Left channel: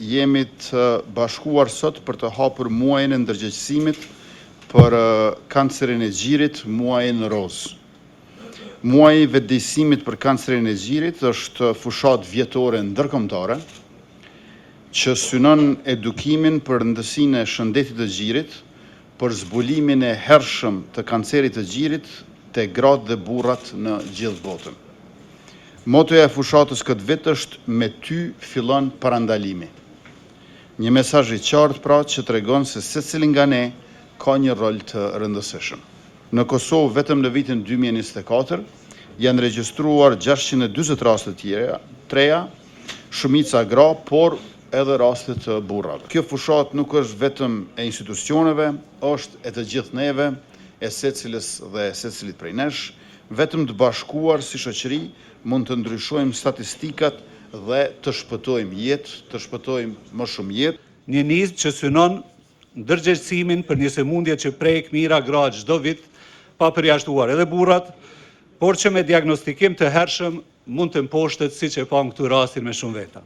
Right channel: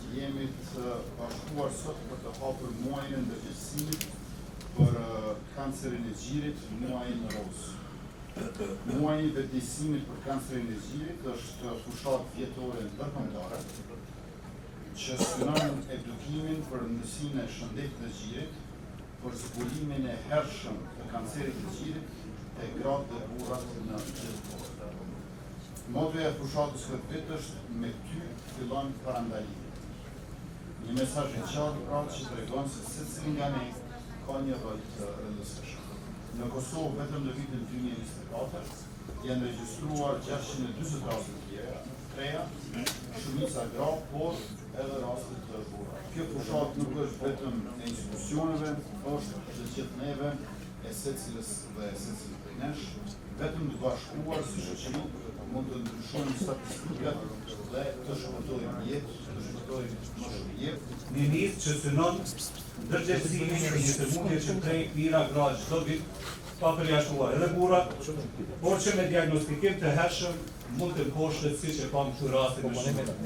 jemi të bashkuar sot për të hapur muajin e ndërgjegjësimit për kancerin e gjirit, muajin roz. Muaji i vetëdijsimit për kancerin e gjirit është fushat vjetore ndërkombëtare që synon edukimin për rëndësinë e shëndetit të gjirit, për zbulimin e hershëm të kancerit të gjirit te gratë dhe burrat në gjithë botën. Motoja e fushatës këtë vit është "Me ty fillon parandalimi". Një mesazh i qartë pra që tregon se secili nga ne ka një rol të rëndësishëm. Në Kosovë vetëm në vitin 2024 janë regjistruar 640 raste treja, shumica gra, por edhe raste të burrave. Kjo fushat nuk është vetëm e institucioneve, është e të gjithë neve, e secilës dhe secilit prej nesh, vetëm të bashkuar si shoqëri mund të ndryshojmë statistikat dhe të shpëtojmë jetë, të shpëtojmë më shumë jetë. Një nisë që synon ndërgjegjësimin për një sëmundje që prek mira gra çdo vit, pa përjashtuar edhe burrat, por që me diagnostikim të hershëm mund të mposhtet siç e pam këtu rastin me shumë veta.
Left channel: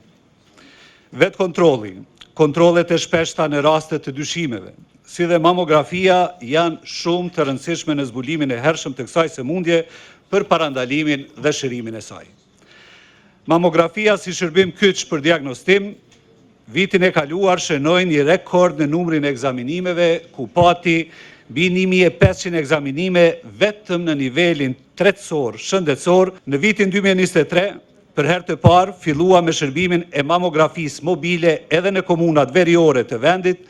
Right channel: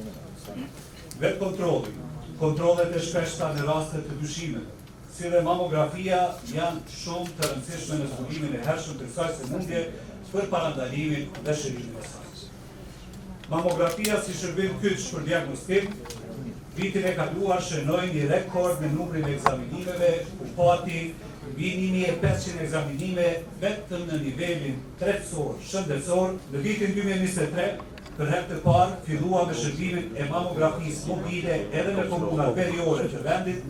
Vetë kontrolli, kontrollet e shpeshta në raste të dyshimeve, si dhe mamografia janë shumë të rëndësishme në zbulimin e hershëm të kësaj sëmundje për parandalimin dhe shërimin e saj. Mamografia si shërbim kyç për diagnostim, vitin e kaluar shënoi një rekord në numrin e ekzaminimeve, ku pati mbi 1500 ekzaminime vetëm në nivelin tretësor, shëndetësor. Në vitin 2023, për herë të parë fillua me shërbimin e mamografisë mobile edhe në komunat veriore të vendit,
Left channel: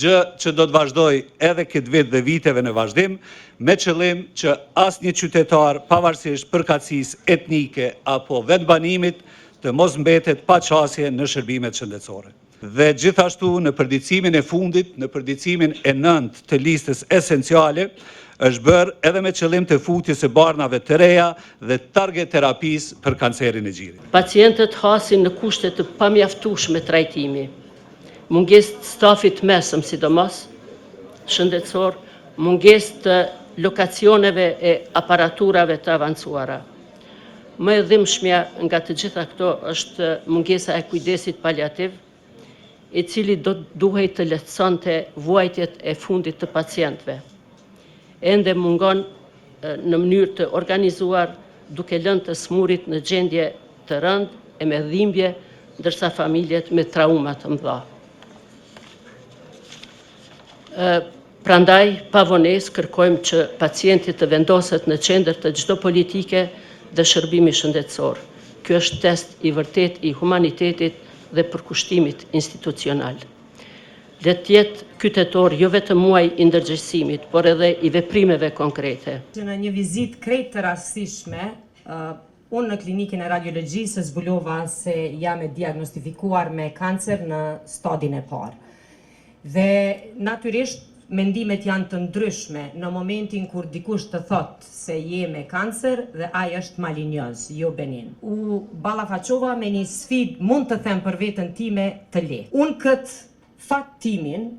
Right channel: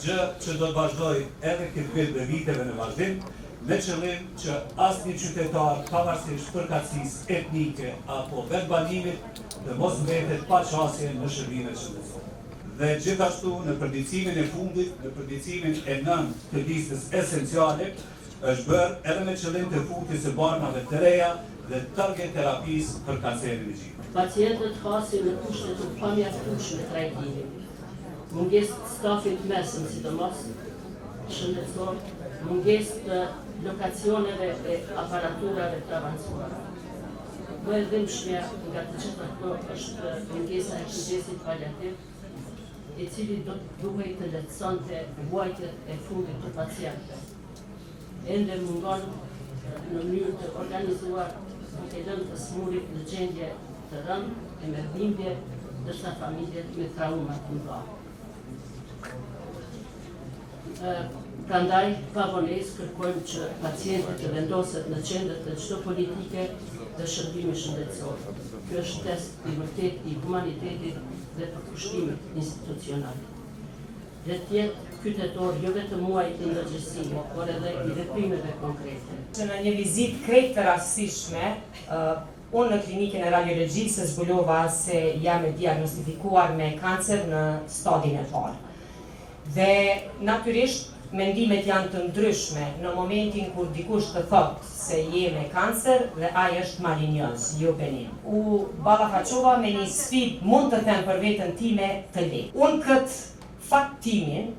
gjë që do të vazhdoj edhe këtë vit dhe viteve në vazhdim, me qëllim që asnjë qytetar, pavarësisht përkatësisë etnike apo vetbanimit, të mos mbetet pa qasje në shërbimet shëndetësore. Dhe gjithashtu në përditësimin e fundit, në përditësimin e 9 të listës esenciale, është bërë edhe me qëllim të futjes së barnave të reja dhe target terapisë për kancerin e gjirit. Pacientët hasin në kushte të pamjaftueshme trajtimi, mungesë të stafit mesëm sidomos shëndetësor, mungesë të lokacioneve e aparaturave të avancuara. Më e dhimbshmja nga të gjitha këto është mungesa e kujdesit paliativ, i cili duhej të lehtësonte vuajtjet e fundit të pacientëve. Ende mungon në mënyrë të organizuar, duke lënë të smurit në gjendje të rëndë e me dhimbje, ndërsa familjet me trauma të mëdha. Prandaj, pavonesë kërkojmë që pacienti të vendoset në qendër të çdo politike dhe shërbimi shëndetësor. Ky është test i vërtet i humanitetit dhe përkushtimit institucional. Le të jetë kytetor jo vetëm muaj i ndërgjegjësimit, por edhe i veprimeve konkrete. Në një vizitë krejt të rastishme, unë në klinikën e radiologjisë zbulova se jam e diagnostifikuar me kancer në stadin e parë. Dhe natyrisht mendimet janë të ndryshme në momentin kur dikush të thotë se je me kancer dhe ai është malinjoz, jo benin. U ballafaqova me një sfidë, mund të them për veten time, të lehtë. Unë këtë faktimin,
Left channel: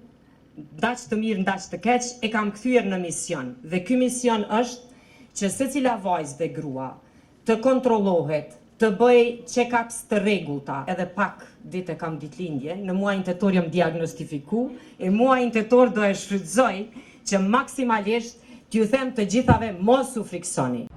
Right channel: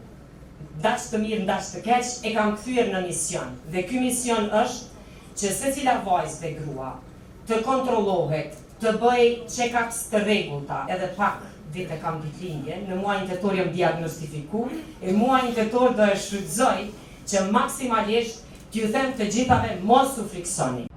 ndaq të mirë, ndaq të keq, e kam kthyer në mision. Dhe ky mision është që secila vajzë dhe grua të kontrollohet, të bëj check-ups të rregullta, edhe pak vite kam ditëlindje, në muajin tetor jam diagnostifiku, e muajin tetor do e shfrytëzoj që maksimalisht t'ju them të gjithave mos u friksoni.